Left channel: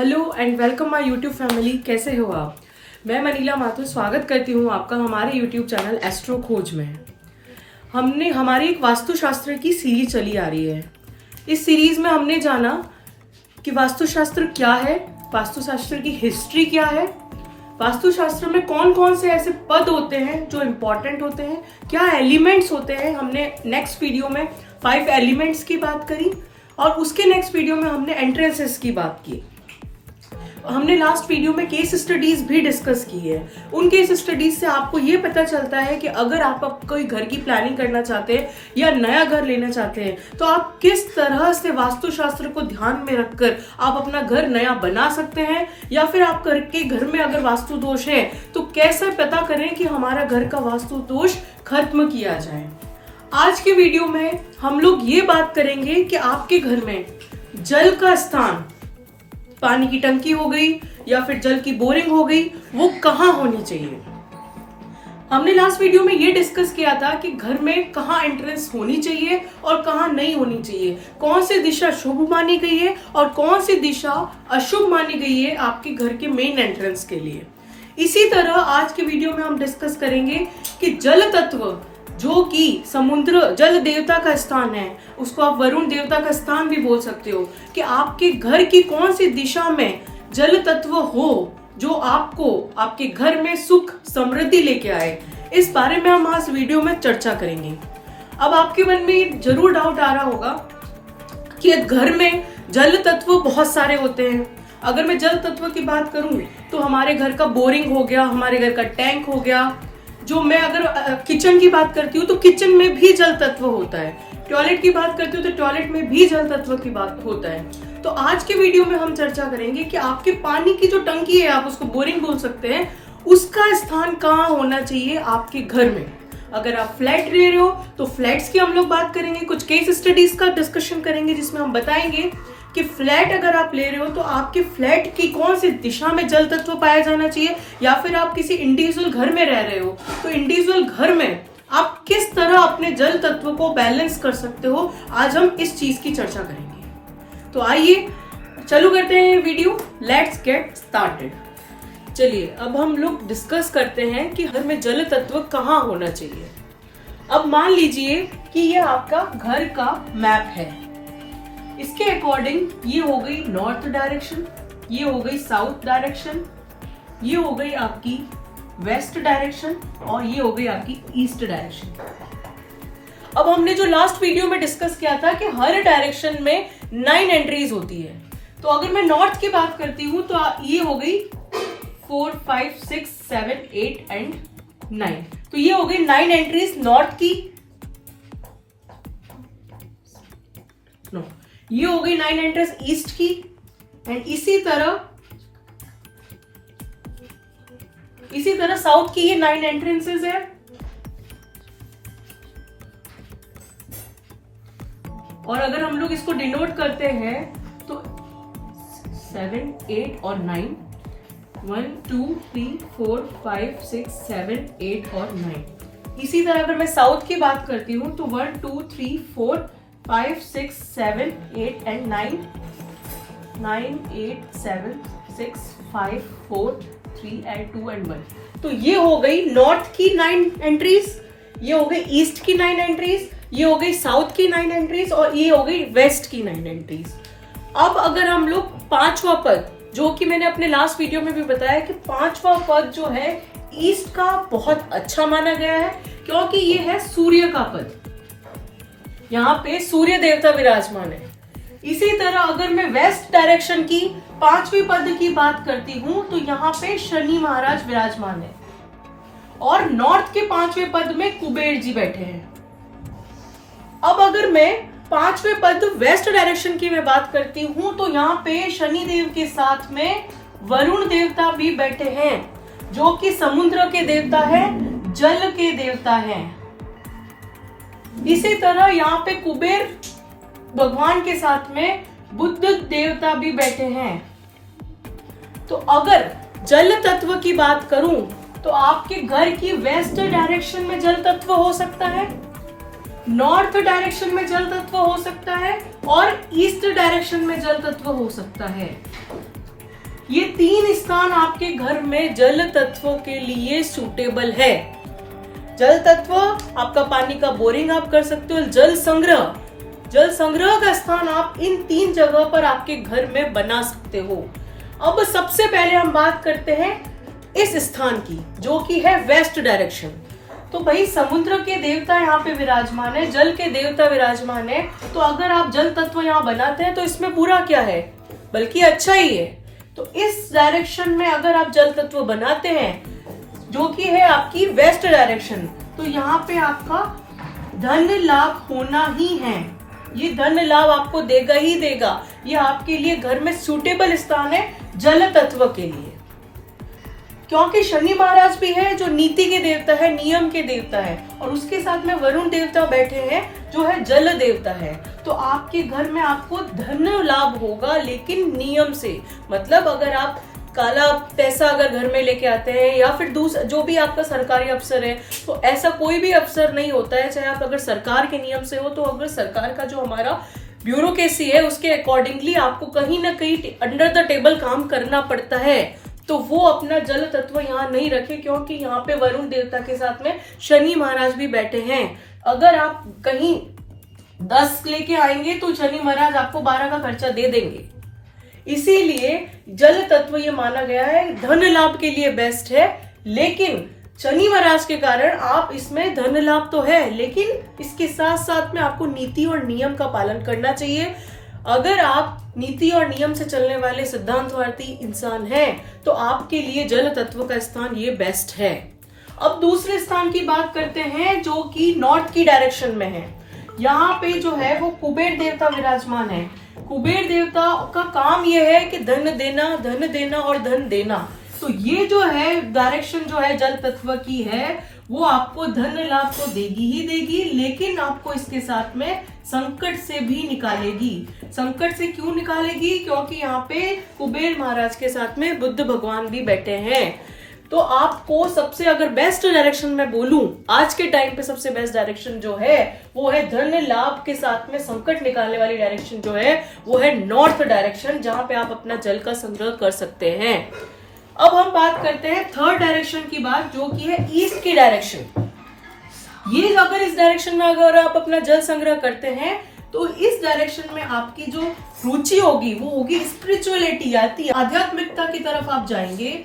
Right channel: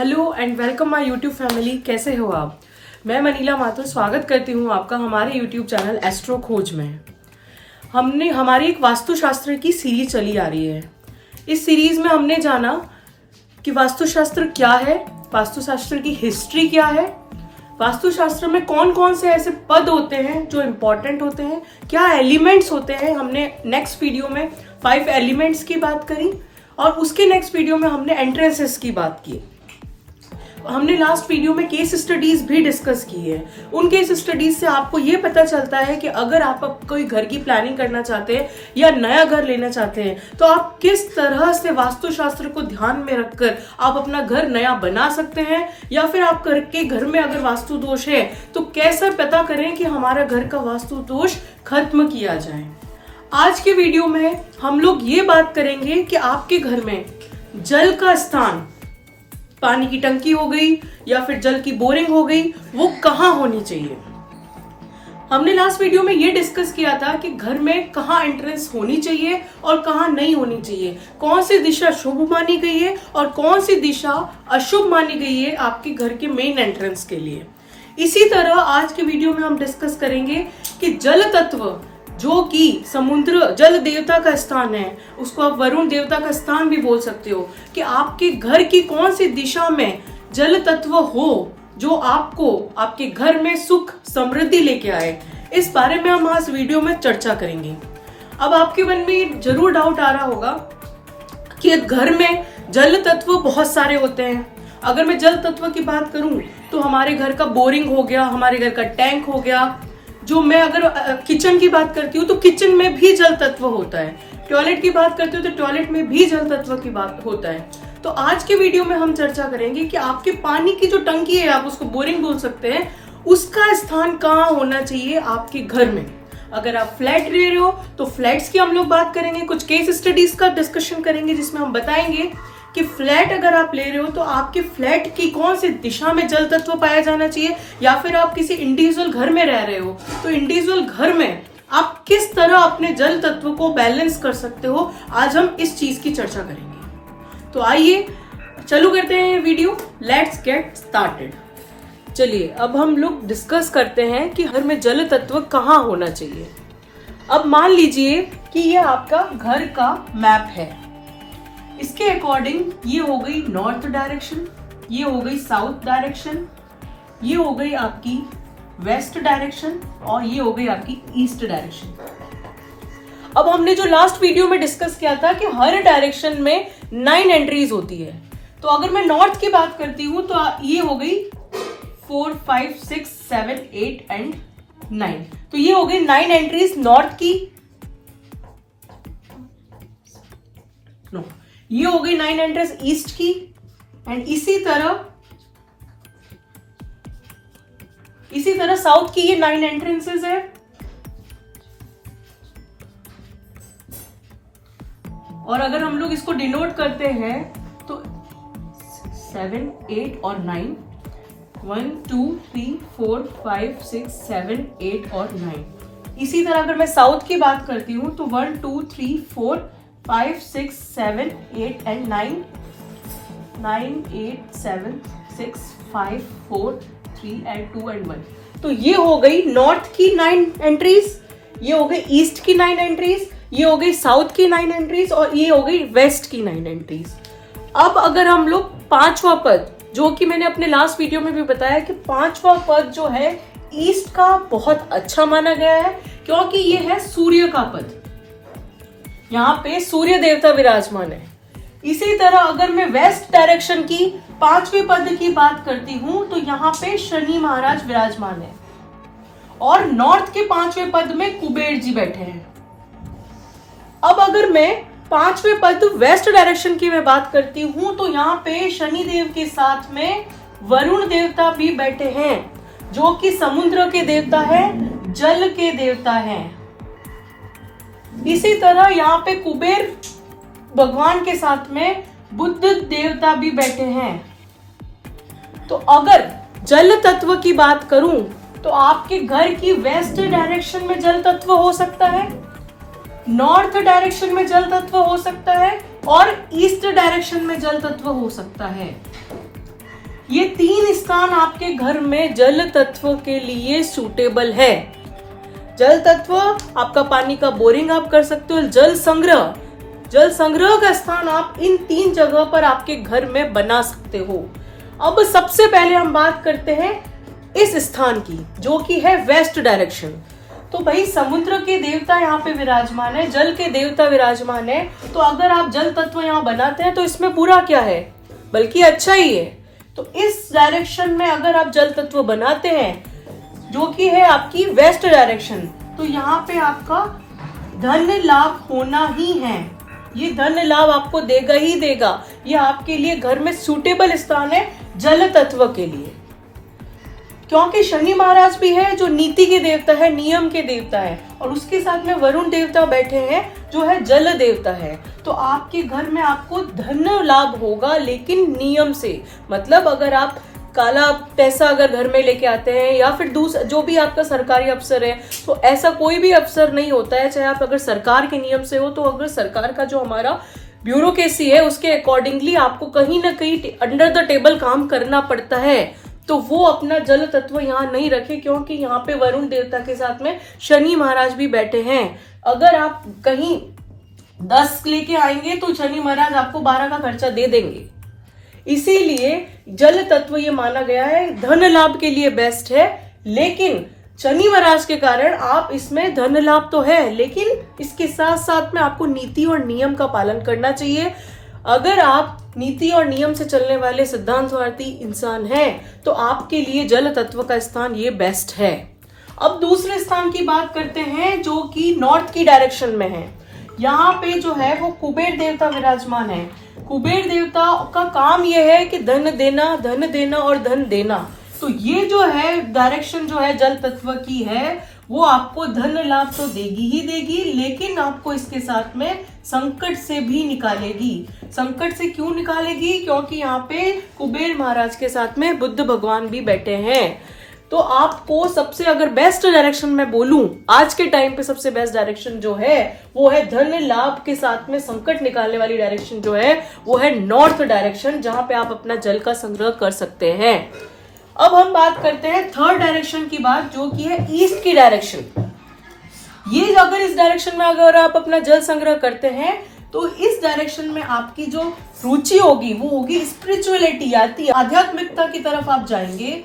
Hello and welcome my YouTube family. कैसे हो आप? मैं मनीला माथुर स्वागत करती हूँ आपका हमारे यूट्यूब चैनल एस्ट्रो खोज में। हमारी एक वास्तुशास्त्र की सीरीज चली आ रही है। इस सीरीज में हमने जाना कि वास्तुशास्त्र क्या है, वास्तुशास्त्र की हिस्ट्री क्या है, वास्तुशास्त्र में कौन कौन से ऐसे पद होते हैं जो इम्पोर्टेंट होते हैं, क्या एलिमेंट्स होते हैं। हमने नेक्स्ट वीडियो में 5 एलिमेंट्स की बात करी और उसके नेक्स्ट वीडियो में हमने एंट्रेंसेस की बात की। हमने लास्ट वीडियो में केस स्टडीज भी डिस्कस की है। उन केस स्टडीज से आपको ये पता चलता है कि अगर आप कोई घर की प्लानिंग करना चाहते हैं या नया घर लेना चाहते हैं तो आप किस तरह से वास्तुशास्त्र को ध्यान में रखकर आप अपना घर नया बना सकते हैं, या फिर आप करके घर में अगर वास्तु दोष है तो कैसे पता करें कि हमारा घर का वास्तु दोष खत्म किया जाए। आज के वीडियो में हम लोग ये बात करेंगे कि आपके घर में जल का स्थान, पानी की टंकी हो गई या फिर जल की बोरिंग हो गई, वो कहाँ होनी चाहिए। हमने लास्ट वीडियो में ये डिस्कस किया था कि घर में कहाँ एंट्रेंस होनी चाहिए और कहाँ नहीं होनी चाहिए, कौन सी दिशा शुभ मानी गई है और कौन सी दिशा अशुभ मानी गई है आपके घर के मेन एंट्रेंस के लिए। इसी तरह आज के वीडियो में हम डिस्कस करेंगे कि जल तत्व जो कि समुद्र जल देवता का स्थान है, उसको आप वरुण देवता का स्थान भी बोल सकते हो, कि आपके घर की कौन सी दिशा में जल तत्व हो जो आपको आपके घर में सुख समृद्धि लेके आए। इस बारे में हम आज वीडियो में चर्चा करेंगे। अब आपके मन में जरूर डाउट आ रहा होगा कि घर में जल तत्व बहुत सारे होते हैं। अगर मैं जल तत्व की बात करूं तो हमारे घर का बोरिंग हो गया, हमारे घर का टैंक हो गया। जो मैं अगर किचन की बात करती हूँ तो किचन में भी जल तत्व होता है, टॉयलेट की बात करती हूँ तो टॉयलेट में भी जल तत्व की बात होता है। तो आज के वीडियो में हम चर्चा करेंगे कि आपके पानी की जो टंकी है, आप उसको बोरिंग बोल सकते हैं, उसका स्थान कहाँ होना चाहिए आपके घर में। अगर आप फ्लैट ले रहे हो तो फ्लैट्स की हम लोग बात करेंगे, कुछ केस स्टडीज का डिस्कशन करेंगे जिसमें हम बताएंगे कि फ्लैट अगर आप ले रहे हो तो आपके फ्लैट की कौन सी दिशा में जल तत्व पाया जाना चाहिए, या फिर आप किसी इंडिविजुअल घर में रह रहे हो तो इंडिविजुअल घर में आप किस तरह अपने जल तत्व को बैलेंस कर सकते हो। आज हम इस चीज की चर्चा करेंगे। तो आइए चालू करते हैं वीडियो। Let's get started. चलिए अब हम लोग डिस्कस करते हैं कि घर में जल तत्व कहाँ होना चाहिए। अब मान लीजिए कि ये आपका घर का मैप है। इसके अकॉर्डिंग ये हो गई नॉर्थ डायरेक्शन, ये हो गई साउथ डायरेक्शन, ये हो गई आपकी वेस्ट डायरेक्शन और ये हो गई आपकी ईस्ट डायरेक्शन। अब हमने जो लास्ट वीडियो में डिस्कस किया था कि हर डायरेक्शन में 9 एंट्रीज होती है। तो अगर मैं नॉर्थ की बात करती हूं तो ये हो गई 4, 5, 6, 7, 8 एंड 9। तो ये हो गई 9 एंट्रीज नॉर्थ की। नो, ये हो गई 9 एंट्रेंस ईस्ट की। एंड इसी तरह साउथ की ये 9 एंट्रेंसेस है। और अगर हम लोग इसको डिनोट करते हैं तो 7, 8 और 9, 1, 2, 3, 4, 5, 6, 7, 8 और 9। इसी तरह अगर मैं साउथ की बात करती हूं तो 1, 2, 3, 4, 5, 6, 7, 8 एंड 9, 9, 8, 7, 6, 5, 4, 3 एंड 2 एंड 1। तो ये हो गई नॉर्थ की 9 एंट्रीज, ये हो गई ईस्ट की 9 एंट्रीज, ये हो गई साउथ की 9 एंट्रीज और ये हो गई वेस्ट की 9 एंट्रीज। अब अगर हम लोग 5वां पद, जो कि मैंने अपने लास्ट वीडियो में भी बताया कि 5वां पद जो है ईस्ट का बहुत अच्छा माना गया है, क्योंकि ये है सूर्य का पद। यहाँ पे सूर्य देवता विराजमान है। इसी तरह अगर मैं वेस्ट डायरेक्शन की 5वें पद की बात करती हूं तो यहाँ पे शनि महाराज विराजमान है और नॉर्थ के 5वें पद में कुबेर जी बैठे हैं। अब अगर मैं 5वें पद वेस्ट डायरेक्शन की मैं बात करती हूं तो यहाँ पे शनि देव के साथ में वरुण देवता भी बैठे हैं, जो कि समुद्र के देवता है, जल के देवता हैं। इसी तरह यहाँ पे कुबेर भगवान के साथ में बुद्ध देवता भी बैठे हैं। तो अगर जल तत्व की बात करूं तो आपके घर की वेस्ट डायरेक्शन में जल तत्व हो सकता है, नॉर्थ डायरेक्शन में जल तत्व हो सकता है और ईस्ट डायरेक्शन में जल तत्व हो सकता है। ये 3 स्थान आपके घर में जल तत्व के लिए सूटेबल है। जल तत्व, आपका पानी का बोरिंग आप कर सकते हो। जल संग्रह का स्थान आप इन 3 जगह पर आपके घर में बना सकते हो। अब सबसे पहले हम बात करते हैं इस स्थान की, जो कि है वेस्ट डायरेक्शन। तो भाई समुद्र के देवता यहाँ पे विराजमान है, जल के देवता विराजमान है, तो अगर आप जल तत्व यहाँ बनाते हैं तो इसमें बुरा क्या है, बल्कि अच्छा ही है। तो इस डायरेक्शन में अगर आप जल तत्व बनाते हैं, जो कि है आपकी वेस्ट डायरेक्शन, तो यहाँ पे आपका धन लाभ होना ही है। ये धन लाभ आपको देगा ही देगा। ये आपके लिए घर में सूटेबल स्थान है जल तत्व के लिए, क्योंकि शनि महाराज भी है जो नीति के देवता है, नियम के देवता है, और उसके साथ में वरुण देवता बैठे हैं जो है जल देवता है। तो आपके घर में आपको धन लाभ होगा, लेकिन नियम से। मतलब अगर आप काला पैसा अगर घर में लेके आते हैं, या फिर दूसरा जो भी आपका सरकारी अफसर है, तो ऐसा कोई भी अफसर नहीं होता है, चाहे आप अगर सरकार के नियम से हो, तो अगर सरकार का जो हमारा ब्यूरोक्रेसी है उसके अकॉर्डिंगली आपको कहीं ना कहीं अंडर द टेबल काम करना पड़ता है। तो वो अपना जल तत्व यहाँ नहीं रखे, क्योंकि यहाँ पे वरुण देवता के साथ में शनि महाराज भी बैठे हैं। अगर आप कहीं 10 लेके आएंगे तो शनि महाराज आपको 12 का खर्चा दे देंगे। इसीलिए जल तत्व ये माना गया है धन लाभ के लिए बेस्ट है, लेकिन शनि महाराज के कारण आप इसमें धन लाभ तो है, लेकिन इसके साथ साथ में आपको नीति और नियम का पालन करना चाहिए। अगर आप नीति और नियम से चलने वाले सिद्धांतवादी इंसान हैं, तो आपके लिए जल तत्व का स्थान ये बेस्ट है। अब दूसरे स्थान की बात करते हैं, जो कि नॉर्थ की डायरेक्शन में है। यहाँ पे जो है वो कुबेर देवता विराजमान है। कुबेर देवता का काम यह है कि धन देना और धन देना। तो ये जो है डायरेक्शन जो है जल तत्व की है, वो आपको धन लाभ तो देगी ही देगी, लेकिन आपको इसके साथ में संकट से भी निकालेगी। संकट से क्यों निकालेगी? क्योंकि यहाँ पे कुबेर महाराज के साथ में बुद्ध भगवान भी बैठे हैं। तो आपको सबसे अगर बेस्ट डायरेक्शन में बोलूं, आज के टाइम पे सबसे बेस्ट डायरेक्शन जो है वो है धन लाभ के साथ में संकट निकालने वाली डायरेक्शन जो है वो है नॉर्थ डायरेक्शन, जहां पे आप अपना जल का संग्रह कर सकते हैं। अब हम बात करते हैं थर्ड डायरेक्शन की बात, जो कि है ईस्ट की डायरेक्शन। ये अगर इस डायरेक्शन में अगर आप अपना जल संग्रह करते हैं, तो इस डायरेक्शन में आपकी जो रुचि होगी वो होगी स्पिरिचुअलिटी, आध्यात्मिकता की तरफ आप जाएंगे।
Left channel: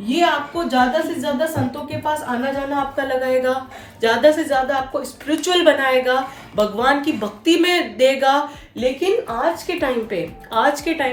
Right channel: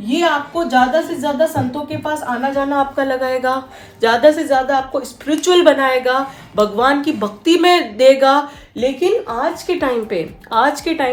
ये आपको ज्यादा से ज्यादा संतों के पास आना जाना आपका लगाएगा, ज्यादा से ज्यादा आपको स्पिरिचुअल बनाएगा, भगवान की भक्ति में देगा। लेकिन आज के टाइम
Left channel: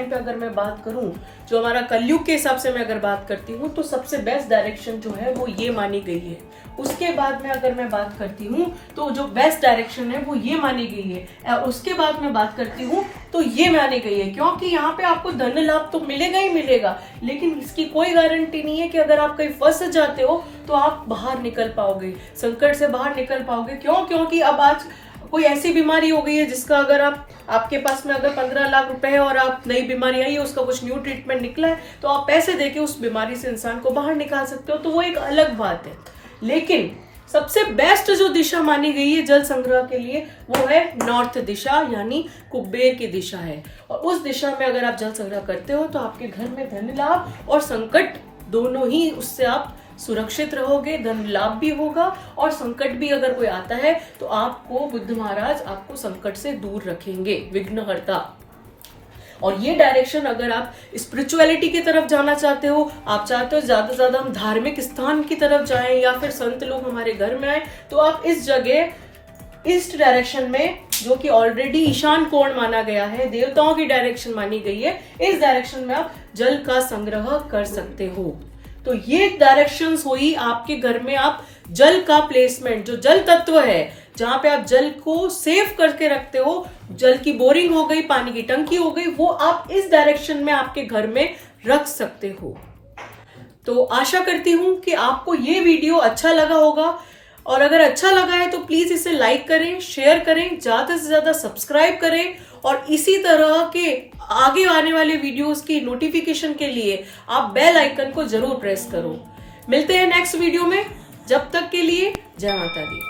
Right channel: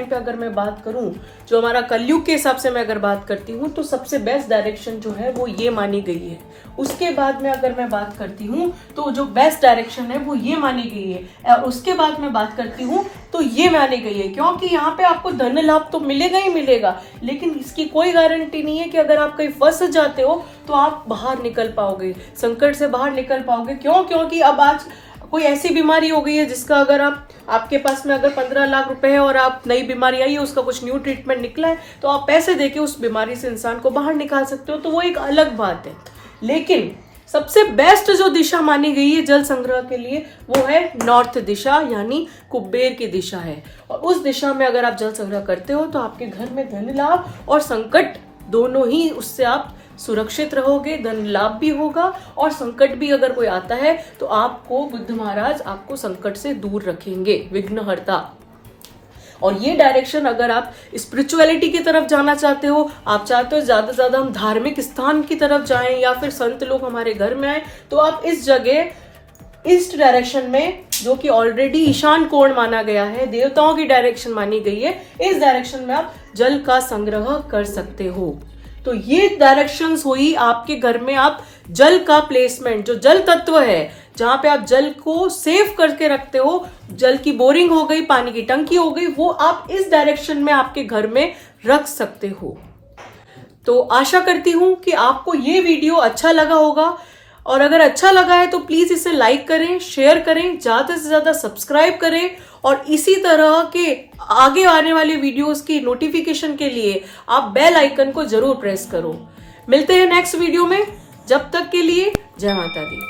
पे अगर मैं बात करूं, जो हमारा कलयुग के हिसाब से मैं अगर बात करती हूँ, तो सबसे बेस्ट डायरेक्शन जो है वो ये मानी गई है। उसके बाद में अगर मैं बात करती हूँ तो जो बेस्ट डायरेक्शन है वो ये मानी गई है, और उसके बाद मैं बात करती हूँ तो ये मानी गई है, क्योंकि यहाँ पे आपको धन लाभ तो मिलेगा ही मिलेगा, लेकिन इसकी कोई गारंटी नहीं है कि अगर आप कहीं फंस जाते हो तो आप बाहर निकल पाओगे, संकट से बाहर निकल पाओगे। क्योंकि अब आज कोई ऐसी बीमारी हो गई है जिसका अगर आपके पास में अगर 15 लाख रुपए है और आप नई बीमारी आई है, उसका कुछ न्यू ट्रीटमेंट निकला है, तो आप पैसे देके उस बीमारी से इंसान को बाहर निकाल सकते हो, तो वो एक अलग बात है। लेकिन सबसे बेस्ट जो दिशा मानी गई है जल संग्रह के लिए वो है नॉर्थ दिशा, यानी कुबेर की दिशा है। और उस दिशा में अगर आप जल संग्रह करते हो तो आपके घर में धन लाभ और संकट दोनों ही, उससे आप सुरक्षित रहोगे, धन लाभ भी होगा, और संकट भी अगर कोई आता है तो आपको बुद्ध महाराज आपको संकट से दूर रखेंगे, विघ्नहर्ता। और ये डायरेक्शन अगर आप स्पिरिचुअलिटी की तरफ जाना चाहते हो, आप चाहते हो ज्यादा से ज्यादा हम धार्मिक स्थान की तरफ जाएं या फिर संत लोग हमारे घर में आए, तो आप इस जगह ईस्ट डायरेक्शन में, जो कि ऑलरेडी ईशान कोण माना गया है, देवताओं की डायरेक्शन मानी गई है, इस डायरेक्शन में आप जल का संग्रह कर सकते हो। तो ये डायरेक्शंस हुई आपके घर में आप जल का प्लेसमेंट, जो जल तत्व है जहां पे आप जल को सेव करके रखते हो, जल की बोरिंग हो गई, पानी की टंकी हो गई, वो आप इस डायरेक्शन में आपके घर में रख सकते हो। तो आशा करती हूं कि आपको ये वीडियो अच्छा लगा होगा, और अगर अच्छा लगा है तो प्लीज इसे लाइक करें, शेयर करें, ज्यादा से ज्यादा सब्सक्राइब करें, और इसी तरह के आगे आने वाले वीडियोस की नोटिफिकेशन के लिए आप बेल आइकन को जरूर प्रेस करो। मिलते हैं नेक्स्ट वीडियो में, जब तक के लिए जय माता दी।